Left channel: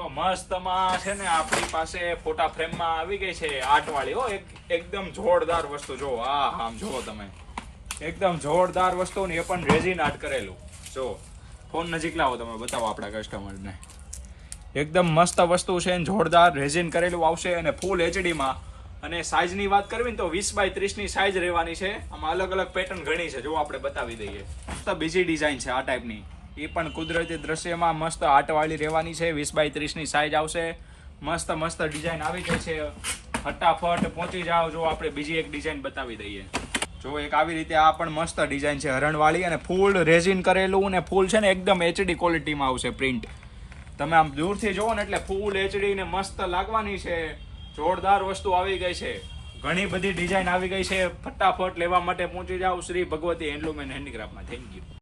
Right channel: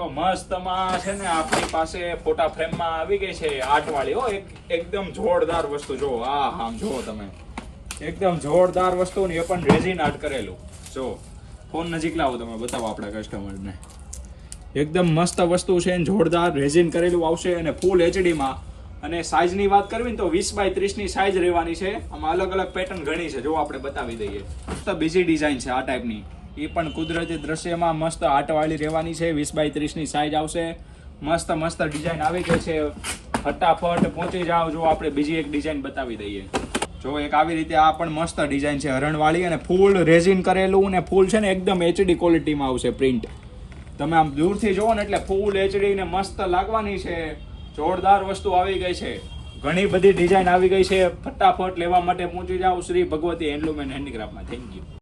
જો મસ્તમાં છે ને આપણી પાસે ફોટા ફ્રેમમાં આવી ગઈ છે આર્ટ વાળી હો, એકદમ જોરદાર વસ્તુ. જો આમ જો તમે, એકદમ જોરદાર વસ્તુ ને એ પણ રેઝિન આર્ટ કરેલું. જો ફોન નજીક લાવો, તમે બતાવો આપણા કસ્ટમરને. એકદમ મસ્ત વસ્તુ છે, જોરદાર રેઝિન કરેલું આવશે અને ફૂલ HD માં. અને સાઈઝની વાત કરવી ને તો 20x30 ની સાઈઝ રહેવાની છે. આમાં અલગ અલગ પેટર્ન ઘણી છે, જો આપણે બતાવી દઈએ. મસ્ત બીજી ડિઝાઇન છે આ ટાઈપની, એ પણ કુદરતી દ્રશ્યમાં મસ્ત આર્ટવાળી રહેવાની છે. 20x30 ની સાઈઝ આવશે. મસ્ત મસ્ત ડિઝાઇન આવી ગઈ છે, ફટાફટ પહોંચી જાઓ. જો આપણે બીજી એક ડિઝાઇન બતાવી દઈએ. જો એક આવી રીતે આ પણ મસ્ત ડિઝાઇન છે હરણવાળી, અને ફૂલ રેઝિન કરેલું, અને ફૂલ છે ને એકદમ HD ક્વોલિટીમાં આવશે પ્રિન્ટ. તમે આમ દૂરથી જોવો ને એટલે ફૂલ HD ને મસ્ત લાગવાની છે. જોરદાર વસ્તુ આવી ગઈ છે, ઘણી બધી ડિઝાઇન આવી ગઈ છે. ફટાફટ લેવા માટે પહોંચી જાઓ શ્રી ભગવતી હેન્ડલૂમ એન્ડ હેન્ડીક્રાફ્ટમાં. Thank you.